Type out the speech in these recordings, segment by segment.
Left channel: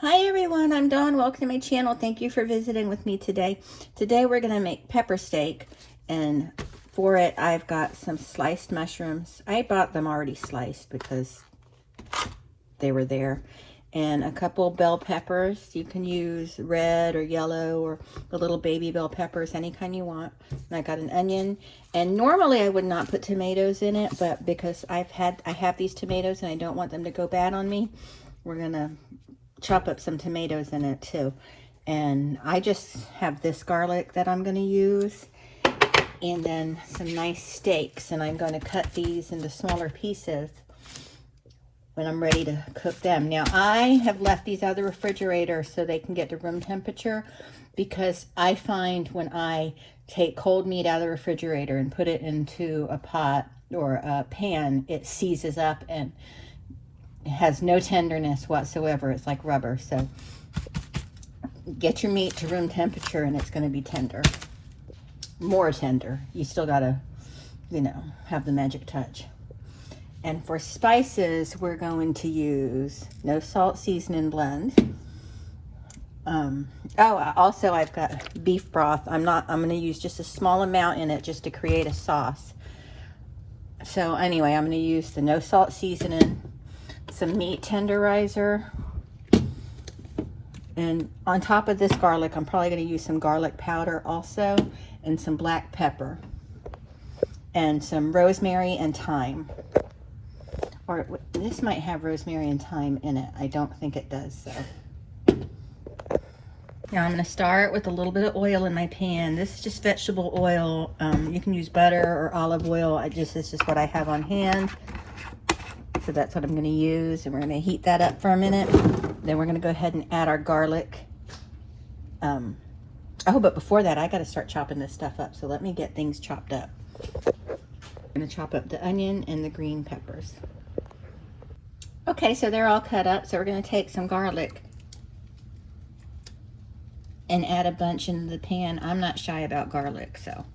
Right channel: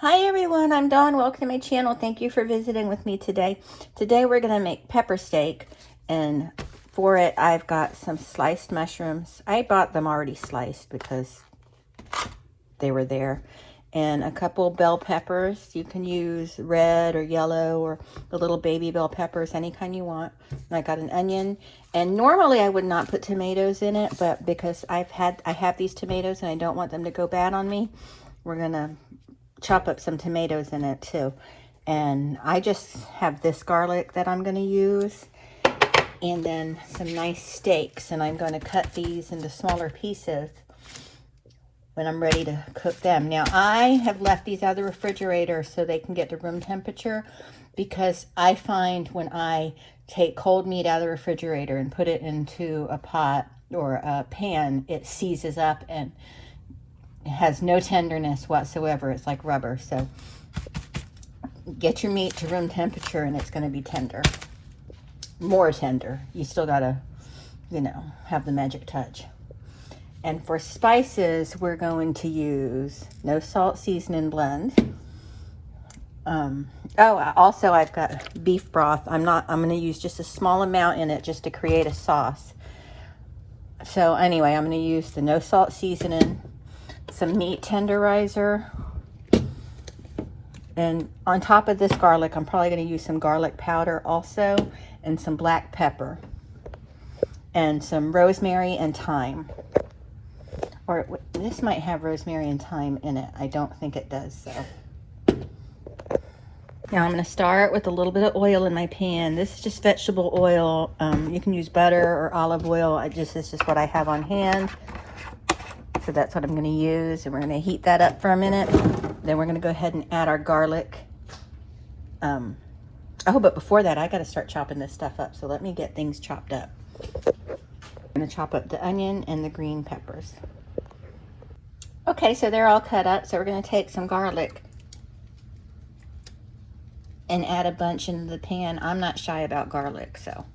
Hi everyone, I'm Dawn. Welcome to my channel. Thank you for visiting with me today. Today we're going to make pepper steak, and for it I've got some sliced mushrooms. I bought them already sliced because they were there. And a couple bell peppers. You can use red or yellow or the little baby bell peppers, any kind you want. And I got an onion. And normally I would not put tomatoes in it, but because I have these tomatoes and I don't want them to go bad on me, we're going to chop up some tomatoes in it too. And I just have this garlic that I'm going to use, and then some nice steaks, and I'm going to cut these into smaller pieces when I'm ready to cook them. Now I have left these out of the refrigerator so they can get to room temperature, because I find when I take cold meat out of the refrigerator and put it into a pot or a pan, it seizes up and it has no tenderness whatsoever. It's like rubber. So get your meat to room temperature and it's going to be tender. More tender. You still got to, have the magic touch. And for spices, we're going to use no salt seasoning blend. Also I've got beef broth. I'm going to use just a small amount in it just to create a sauce. So anyway, I'm going to use the no salt seasoning, some meat tenderizer, and on top of this garlic, I'm probably going to use some garlic powder also, and some black pepper, and some rosemary and thyme. Or this might have rosemary and thyme in it. I don't think it does, so. Now I'm going to start with a little bit of oil in my pan. This is just vegetable oil. You can use butter or olive oil. This is just what I have on hand. So that's what I'm going to use, and we're going to heat that up for a minute. Then we're going to go ahead and add our garlic. But before that, I got to start chopping this stuff up. So let me get things chopped up. I'm going to chop up the onion and the green peppers. Okay, so they're all cut up. So we're going to take some garlic and add a bunch into the pan. I'm not shy about garlic, so.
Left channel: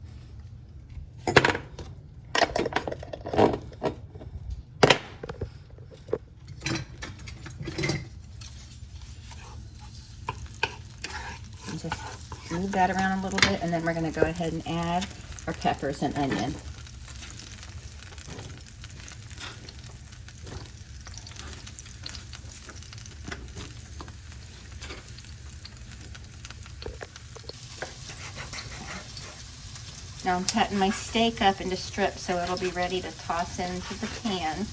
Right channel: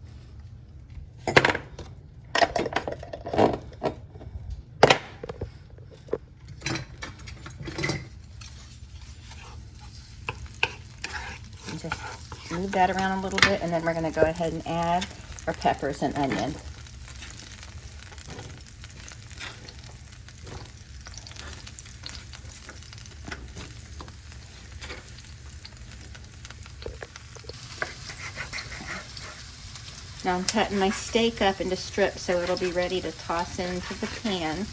Just move that around a little bit, and then we're going to go ahead and add our peppers and onion. Now I'm cutting my steak up into strips so it'll be ready to toss into the pan.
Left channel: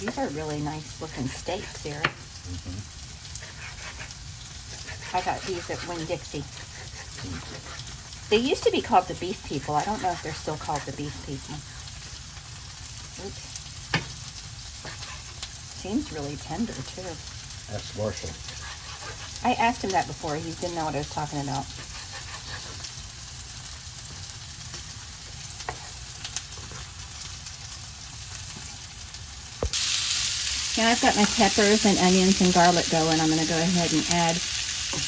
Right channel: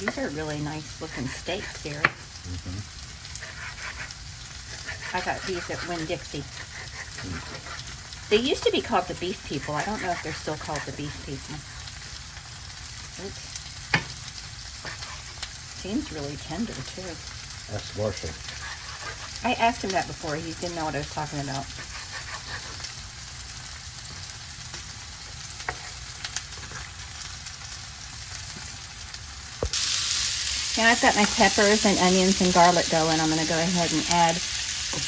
These are really nice looking steaks here. I got these at Winn-Dixie. They used to be called the Beef People. I don't know if they're still called the Beef People. Oops. Seems really tender too. That's Marshall. I asked him that before. He didn't know what I was talking about. Now I've got my peppers and onions and garlic going. I'm going to go ahead and add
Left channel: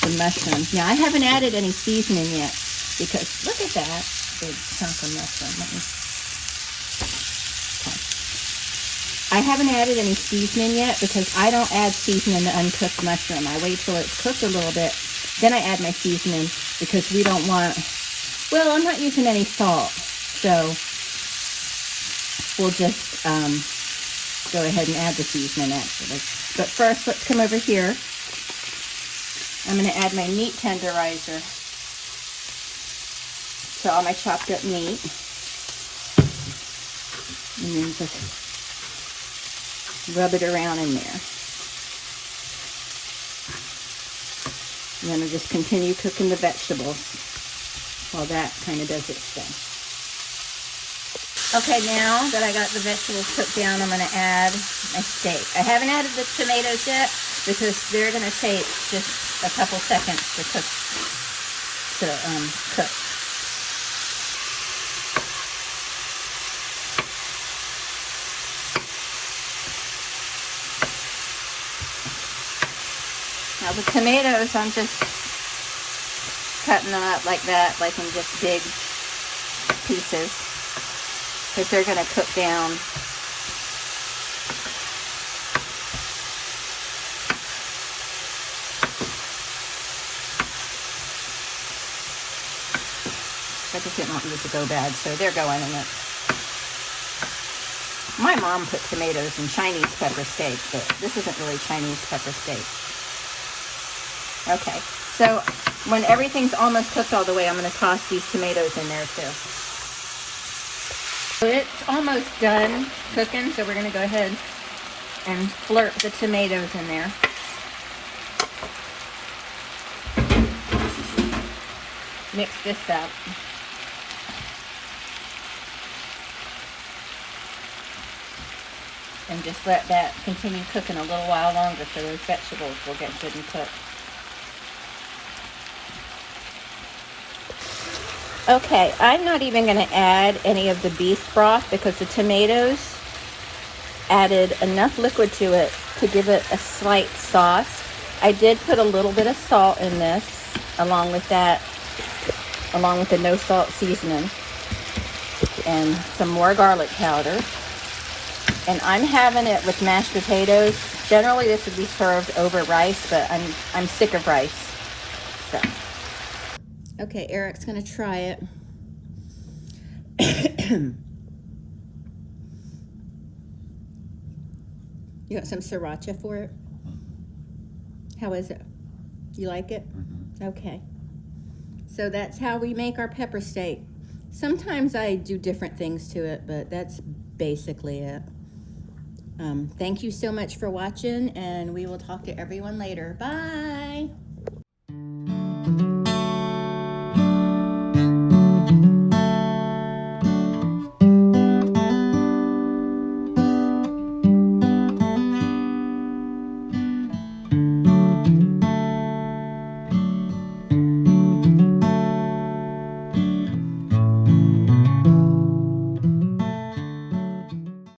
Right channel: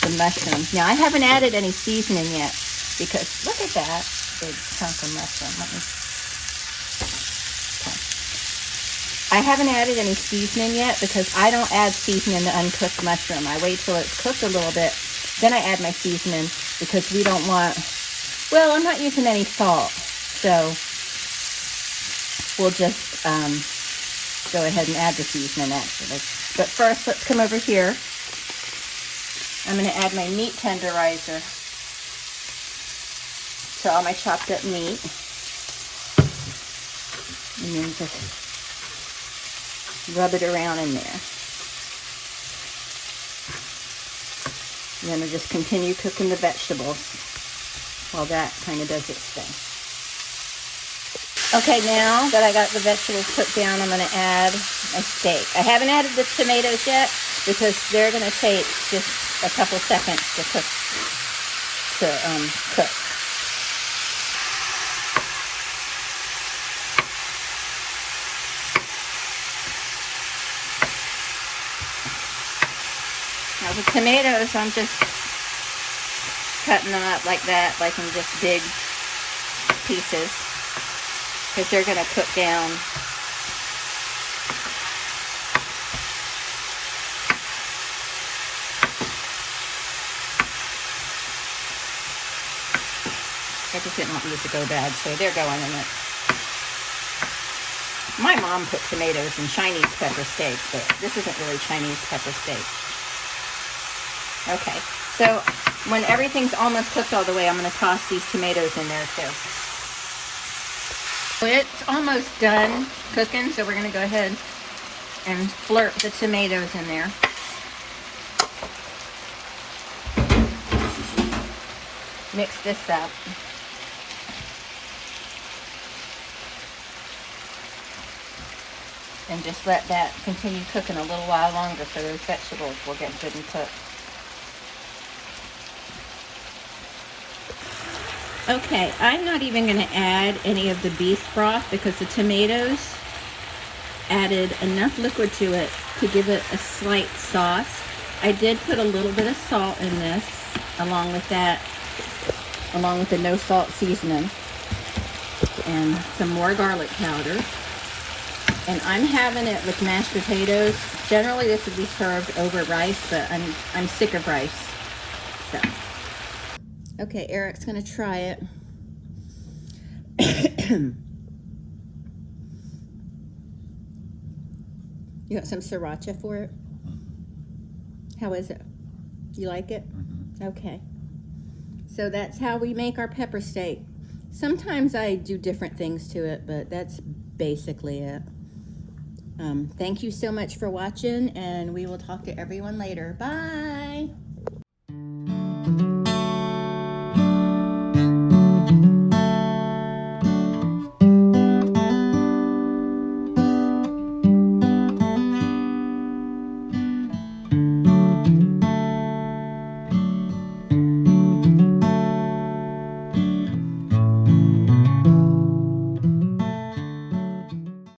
the mushrooms. Now I haven't added any seasoning yet, because look at that big chunk of mushroom. I haven't added any seasoning yet because I don't add seasoning to uncooked mushroom. I wait till it's cooked a little bit, then I add my seasoning, because we don't want, I'm not using any salt, so we'll just go ahead and add the seasoning actually. But first, let's come over here. I'm going to add my meat tenderizer to all my chopped up meat. And then just rub it around in there. And then we'll just continue cooking the vegetables while that kind of does its thing. Okay, now that I got the vegetables cooked down, I'm going to add my steak. I haven't added the tomatoes yet because they're going to take just a couple seconds to cook. Now the tomatoes, I'm just cutting them up like that, like in just big pieces. because they're going to cook down. I just didn't want these to go bad, so they're going in it. My mom put tomatoes in Chinese pepper steak, but this isn't really Chinese pepper steak. Okay, so when everything's almost cooked all the way, I'm going to toss these tomatoes in there too. So it's almost done cooking, so we're going to go ahead and flirt the tomatoes in there. Mix this up. And just let that continue cooking a little while longer so those vegetables will get good and cooked. Okay, I'm not even going to add any of the beef broth because the tomatoes added enough liquid to it to give it a slight sauce. I did put a little bit of salt in this along with that, along with the no salt seasoning, and some more garlic powder. And I'm having it with mashed potatoes. Generally this would be served over rice, but I'm sick of rice. So. Okay, Eric's gonna try it. You got some sriracha for it? How is it? You like it? Okay. So that's how we make our pepper steak. Sometimes I do different things to it, but that's basically it. Thank you so much for watching, and we will talk to everyone later. Bye!